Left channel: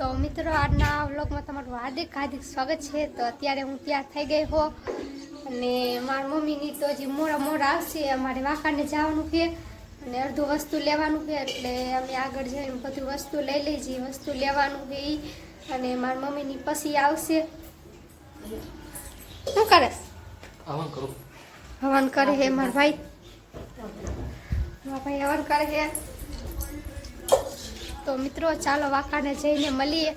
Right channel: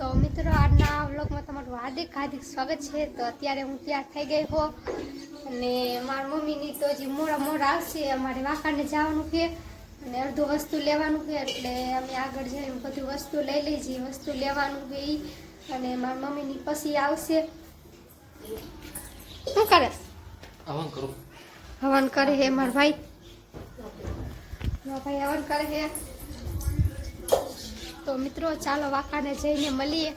તો મિત્રો આજના વ્લોગમાં તમારું હાર્દિક હાર્દિક સ્વાગત છે। તો અત્યારે હું તૈયાર થઈ ગઈ હો અને મારી મમ્મીની તો હજી મોડા આવશે। અમારે વાંકાને જવાનું છે અને અડધું વસ્તુ લેવાનું છે એટલે અમે આગળ જઈને બધું વસ્તુ લઈ લઈએ। વસ્તુ લેવાનું છે ઈ અને મારી મમ્મીની પછી આવશે। શું કરે? હવન કરે છે મારા ભાઈ। મારા ભાઈ હવન કરે છે। તો મિત્રો ચાલો વાંકાને જઈને મળીએ।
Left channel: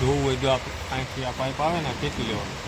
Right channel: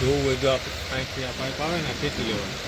ધોવું હોય તો અહીંથી આ પાઇપ આવે ને ખેંચી લેવાનું।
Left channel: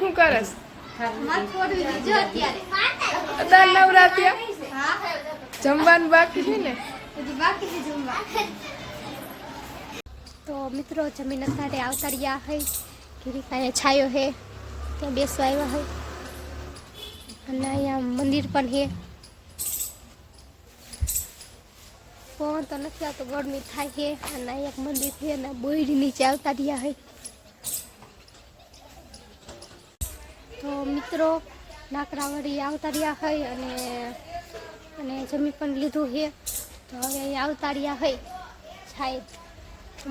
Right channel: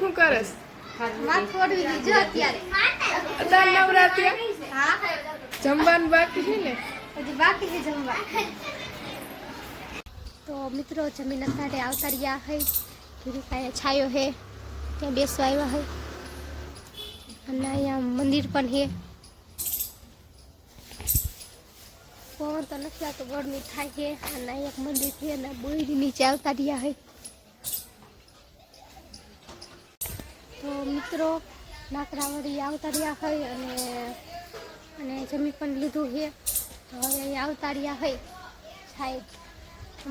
શું કરસ? જમવાનું બાકી છે ને? હજી બાકી છે જમવા। તો મિત્રો જમીન અત્યારે આવતા રહ્યા હે ગીરીકાને છાયો હે ત્યાં બેસવા આવ્યા હે અને અહીંયા મંદિર પણ હે। પવન તો નથી આવતો, ગરમી થાય છે અને અહીંયા એક મંદિર છે અને બોયડી નીચે આવતા રહ્યા હે। તો મિત્રો લાકડાવાળી આવતા રહ્યા હોય અને જમી પણ લીધું છે। તો હવે અહીંયા આવતા રહ્યા હોય છાય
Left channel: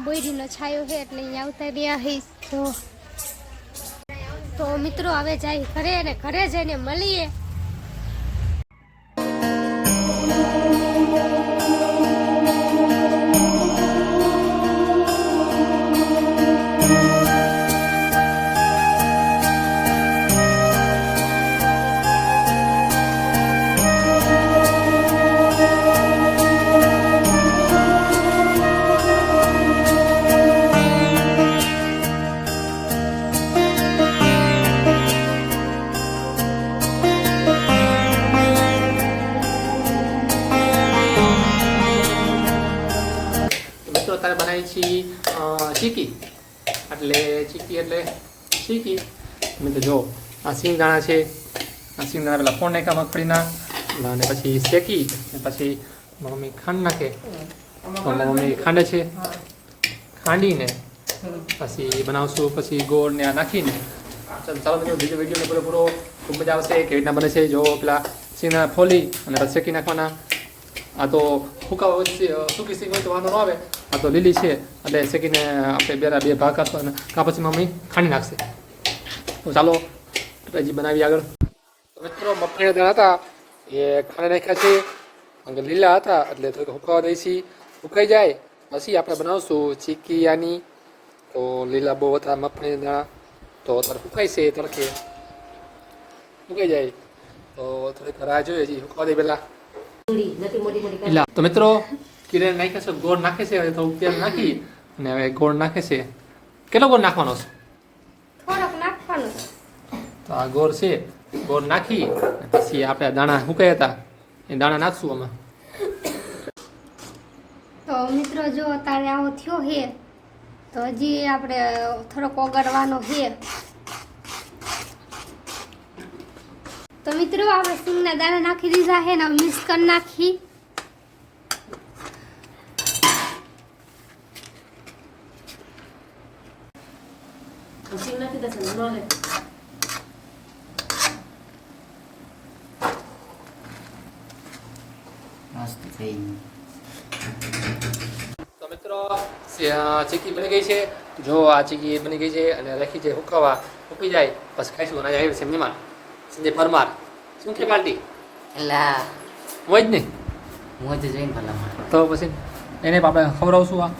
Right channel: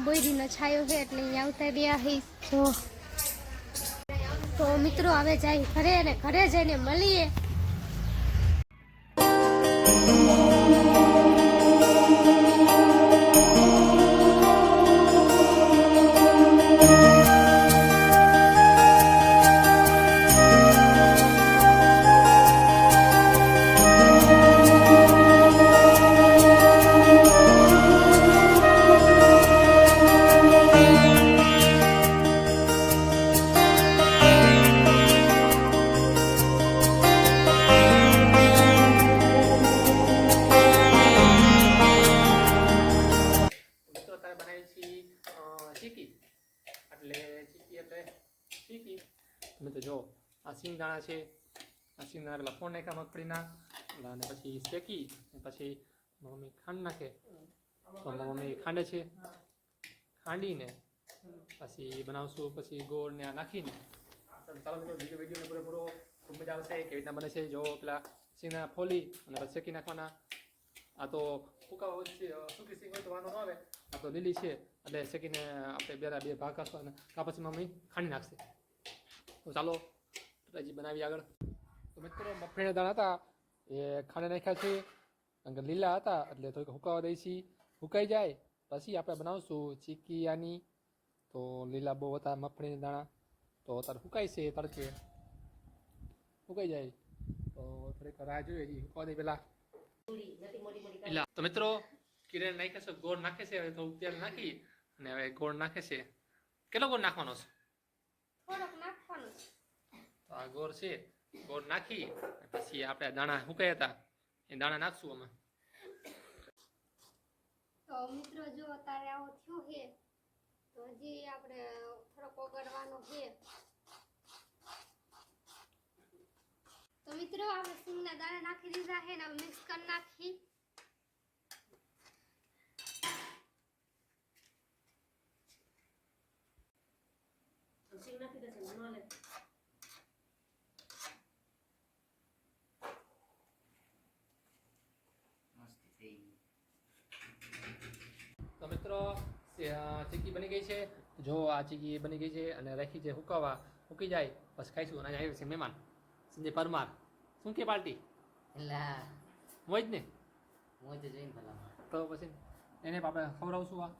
બોયડીનો છાયો છે એટલે અહીંયા આવતા રહ્યા હોય। જો તો મિત્રો હવે જાય ઘરે અને ઘરે જઈને મળીએ. અત્યારે બનાવી છીએ ચીકી એટલે ચીકી. મિત્રો જો આ સિંગદાણા છે, આ સિંગદાણા પેલા ફોન નાખ્યા મગફળીના અને પછી શેકી અને પછી મમ્મી ખાંડ નાખે તો મમ્મી ખાંડે છે. ખાંડીને પછી બનાવશું, પછી ગોળ ને આ નાખીને. ચાલો મિત્રો બીજો વિડીયો પૂરો ખૂબ મજા આવશે. કેવી રીતના બને છે જો પેલા સિંગદાણા ફોલી અને પછી શેકી નાખવાના. આ તો સૂકી સિંગ હોય તો વાંધો ન આવે, આ તો લીલી છે એટલે શેકીને આપણે બે ભાગ કાઢવા અને કાં પછી મમ્મી ખાંડી નાખશે. તો ચાલો હજી બનાવી આગળ. તો મિત્રો મગફળીના દાણા હતા એ ખાંડી નાખ્યા છે, આગળ લીલા હતા એટલે થોડીક હુકાવા દઈશી. હુકાઈ જાય પછી આપણે બનાવશું ચીકી આની. તો લીલા બહુ હતા મગફળીના દાણા તો અત્યારે હુકાય છે, તડકે હુકાઈ જાય તો થોડીક રાહ જોઈએ હજી હુકવા દે પહેલાં. તો મિત્રો કિરણ નાખે છે, ગોળ નાખે છે, હવે થોડુંક તેલ નાખી અને હવે ગોળ નાખે છે. કેટલો ગોળ નાખવાનો છે? થોડોક નાખવાનો. તો આ ગોળ છે, ગોળ નાખી પછી આપણે દાણા સુકાયા હતા એ દાણા નાખશું આમાં. તો મિત્રો જો તારે આવો થયો હે તો હજી આપણે થોડોક ઓગળવાનો છે. તો મિત્રો આપણે સિંગના દાણા નાખી દીધા છે ને મિક્સ કરી નાખી. તો મિત્રો ચીકી બની ગઈ છે. જો આ ચીકી બની ગઈ છે અને રાખી છે હુકાવા. હુકી જાય પછી ખાઈશું. અને આવ્યું છે મહેમાન સંજય પરમાર. શું કે પાર્ટી એલા હોય જ નહીં મોજ જોઈને ભલામાં તો પછી એને આપણે ખવડાવશું. આ